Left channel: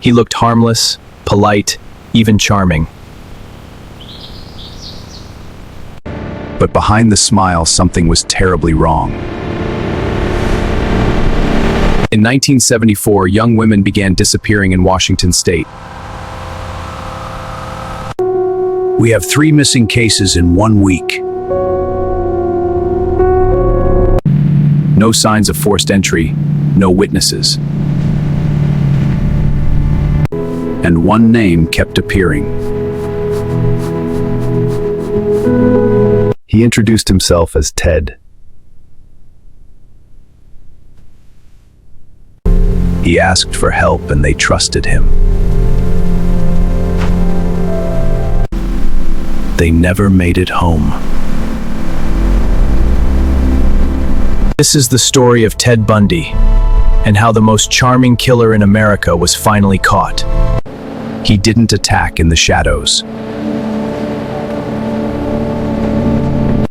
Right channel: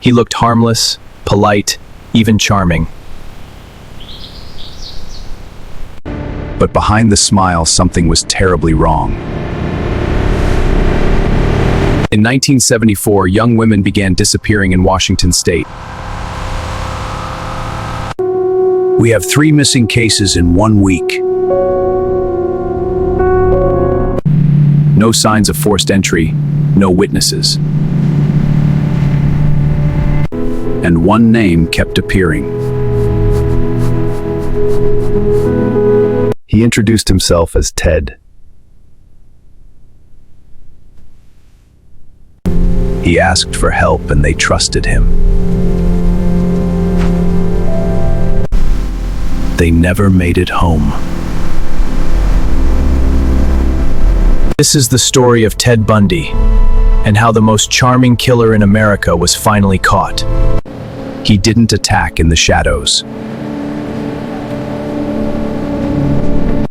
He looked harmless, polite, even charming. But behind the smile, something was terribly wrong. In 1974, young women began disappearing in Washington state. We have 3 missing cases in 1 week. No signs of forced entry, no witnesses. And one name kept appearing. He introduced himself as Ted. He asked for help and they trusted him. They never made it home. This is the story of Ted Bundy, and how the most charming killer in America was finally caught. He didn't attack in the shadows.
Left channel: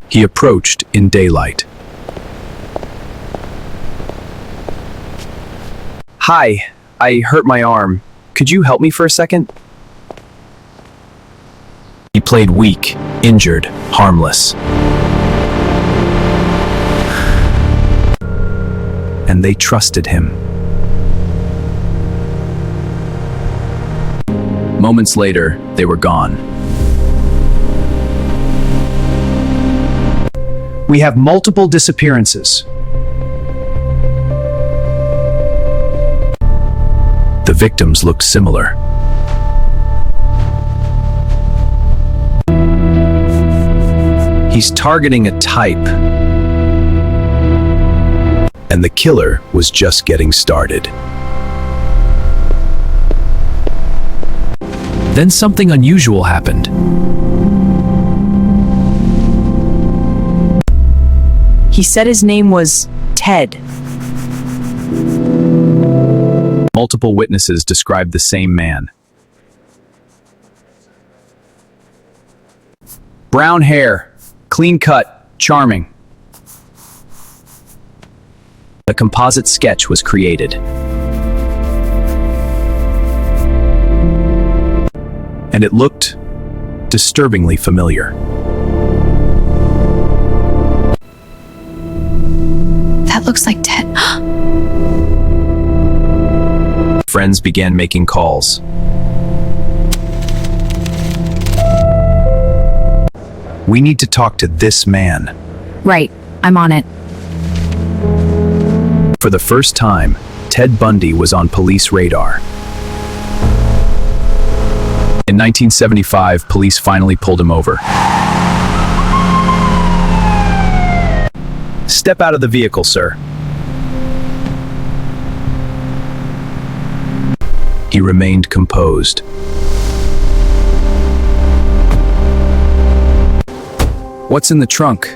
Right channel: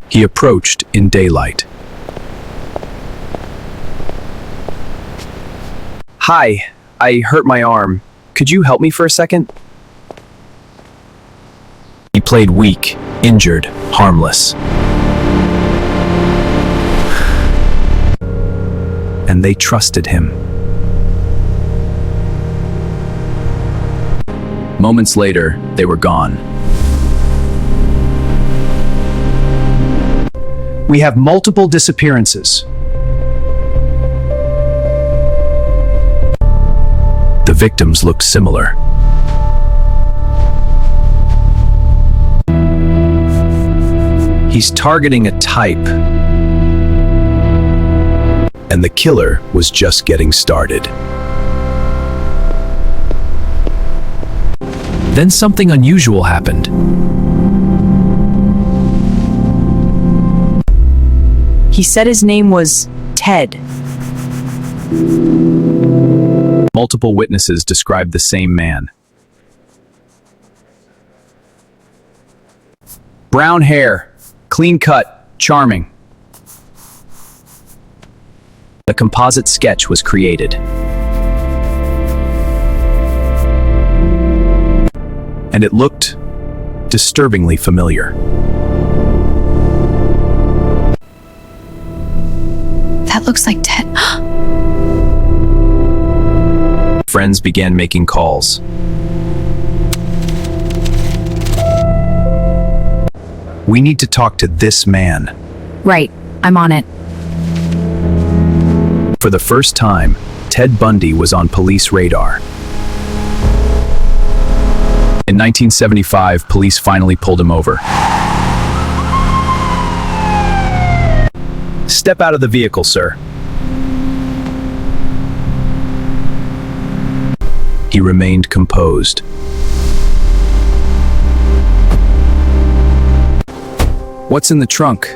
He approached in daylight. Hi, I hurt my arm. Could you help me for a second? He played weak, injured, harmless. And they trusted him. Moments later, they were gone. We have multiple disappearances. The victims looked similar. He's targeting a type. And the killer was just getting started. Then something unusual happened. He said his name was Ted. Multiple witnesses described the same man. Brown hair, clean cut, charming. A composite sketch was created. And it looked disturbingly familiar. That looks like Ted. Friends began making calls. We need to talk to this man. Right, I'm on it. For the first time, Ted Bundy was on police radar. In 1975, police finally pulled him over. Step out of the vehicle, sir. He remained composed. What's in the trunk?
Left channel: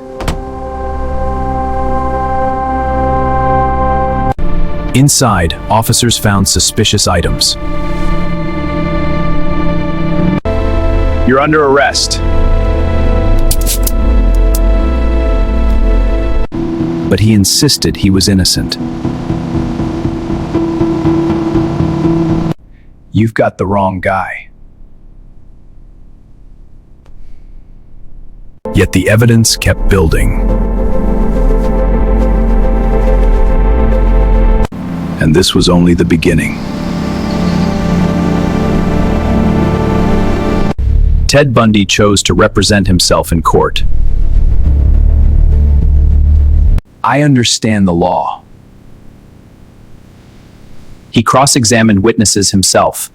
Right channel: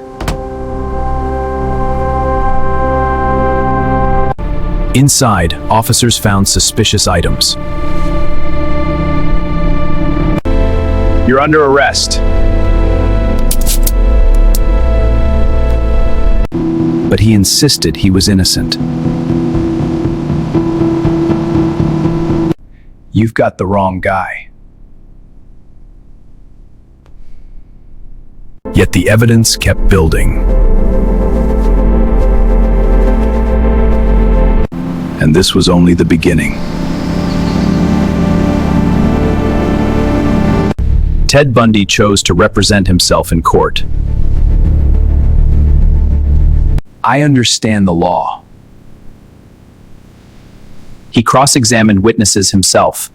Inside, officers found suspicious items. You're under arrest. But he insisted he was innocent. You've got the wrong guy. Yet the evidence kept building. And this was only the beginning. Ted Bundy chose to represent himself in court. I understand the law. He cross-examined witnesses himself.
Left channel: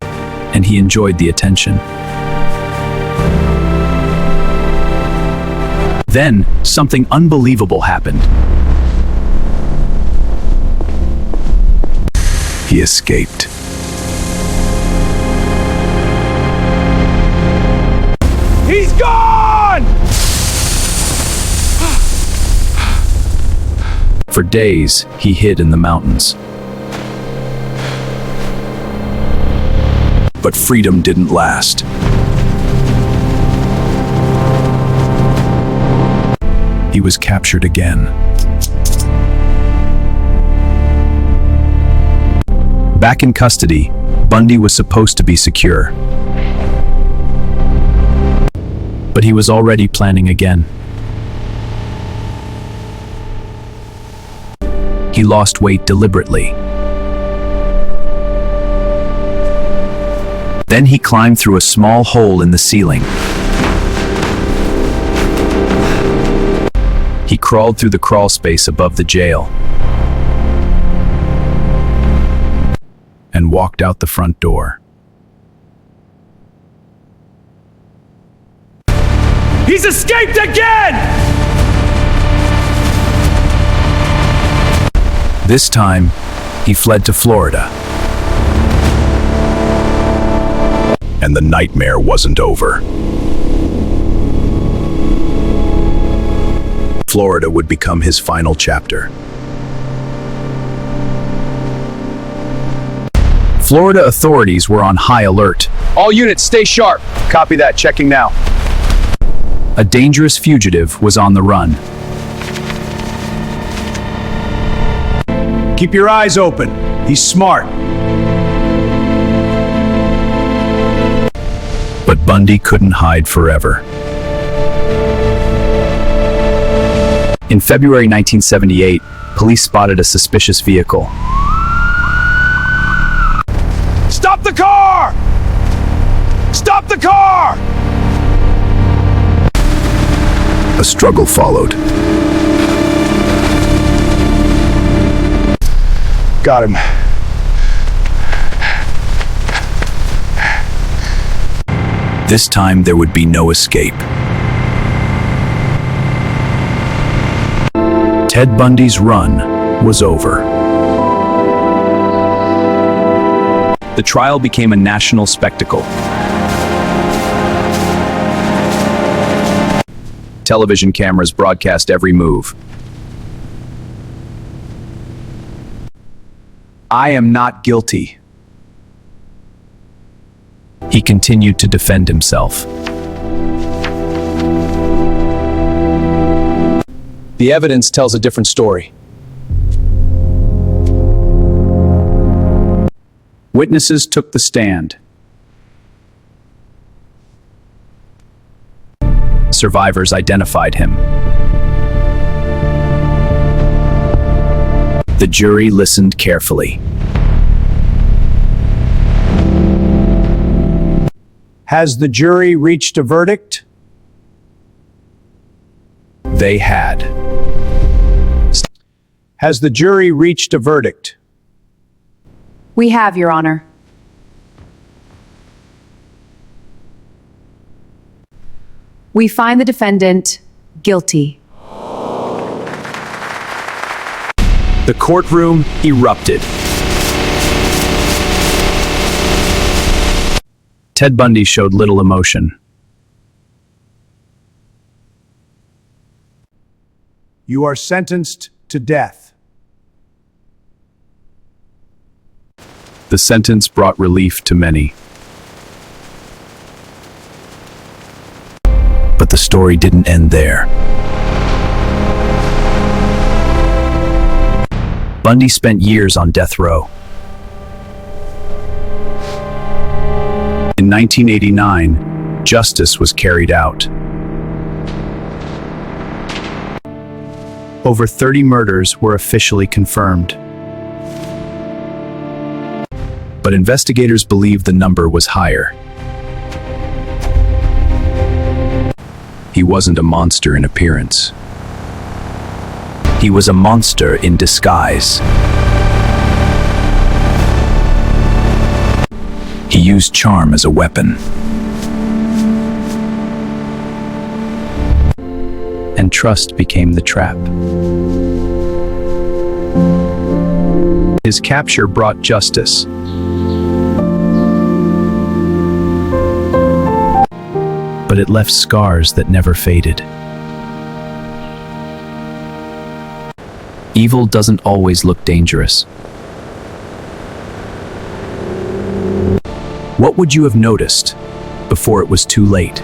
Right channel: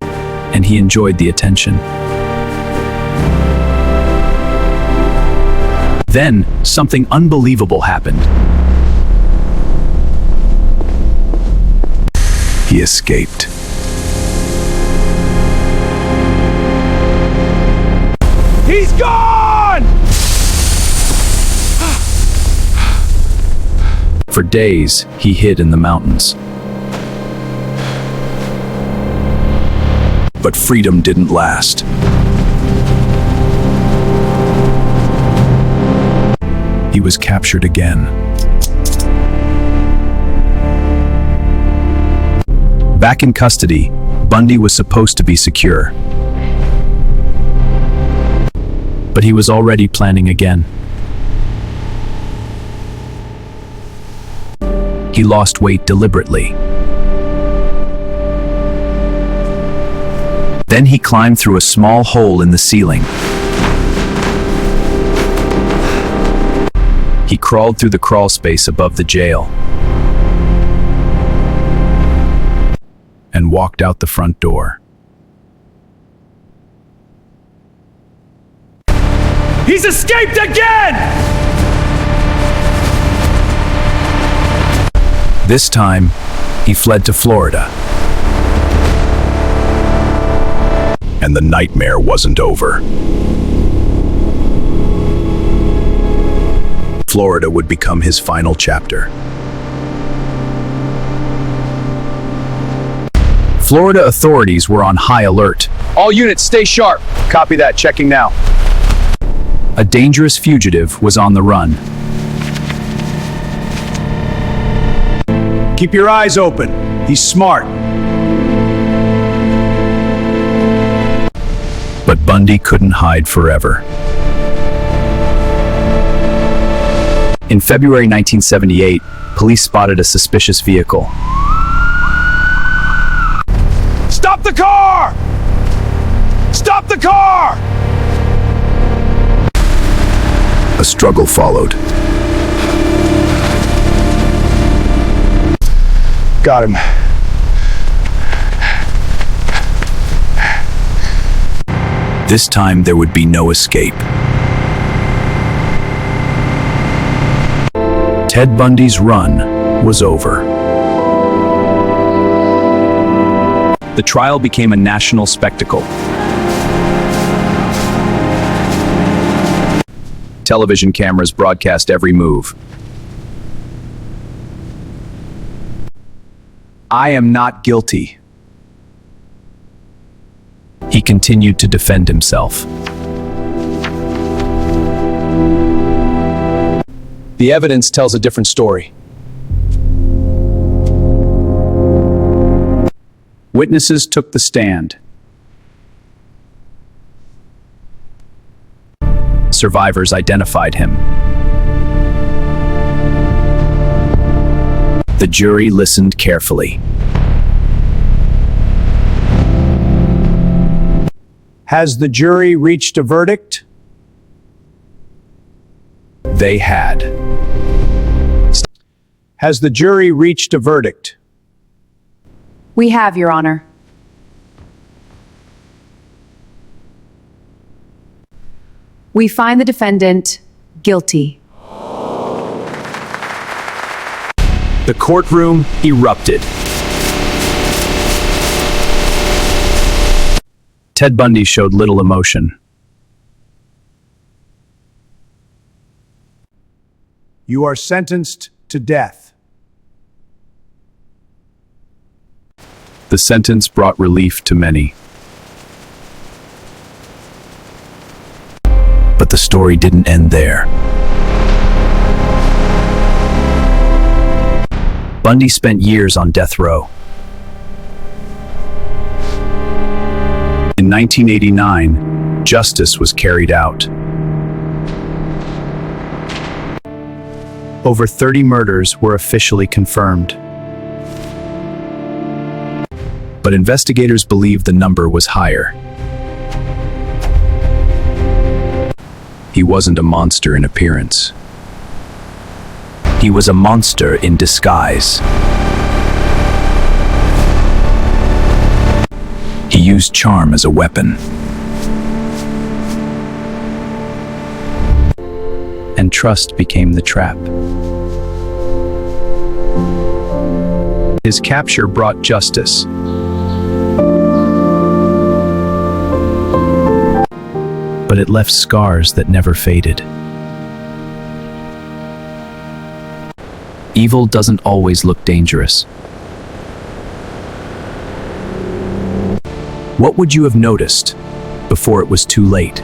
And he enjoyed the attention. Then, something unbelievable happened. He escaped. He's gone! For days, he hid in the mountains. But freedom didn't last. He was captured again. Back in custody, Bundy was supposed to be secure. But he was already planning again. He lost weight deliberately. Then he climbed through a small hole in the ceiling. He crawled through the crawl space above the jail and walked out the front door. He's escaped again! This time, he fled to Florida. And the nightmare wasn't over. Florida would become his final chapter. Florida authorities were on high alert. All units, stay sharp. Copy that, checking now. A dangerous fugitive was on the run. Keep your eyes open. He's smart. But Bundy couldn't hide forever. In February 1978, police spotted a suspicious vehicle. Stop the car! Stop the car! A struggle followed. Got him. This time there would be no escape. Ted Bundy's run was over. The trial became a national spectacle. Television cameras broadcast every move. I am not guilty. He continued to defend himself. The evidence tells a different story. Witnesses took the stand. Survivors identified him. The jury listened carefully. Has the jury reached a verdict? They had. Has the jury reached a verdict? We have, Your Honor. We find the defendant guilty. The courtroom erupted. Ted Bundy showed little emotion. You are sentenced to death. The sentence brought relief to many. But the story didn't end there. Bundy spent years on death row. In 1989, justice was carried out. Over 30 murders were officially confirmed. But investigators believe the number was higher. He wasn't a monster in appearance. He was a monster in disguise. He used charm as a weapon. And trust became the trap. His capture brought justice. But it left scars that never faded. Evil doesn't always look dangerous. What would you have noticed before it was too late?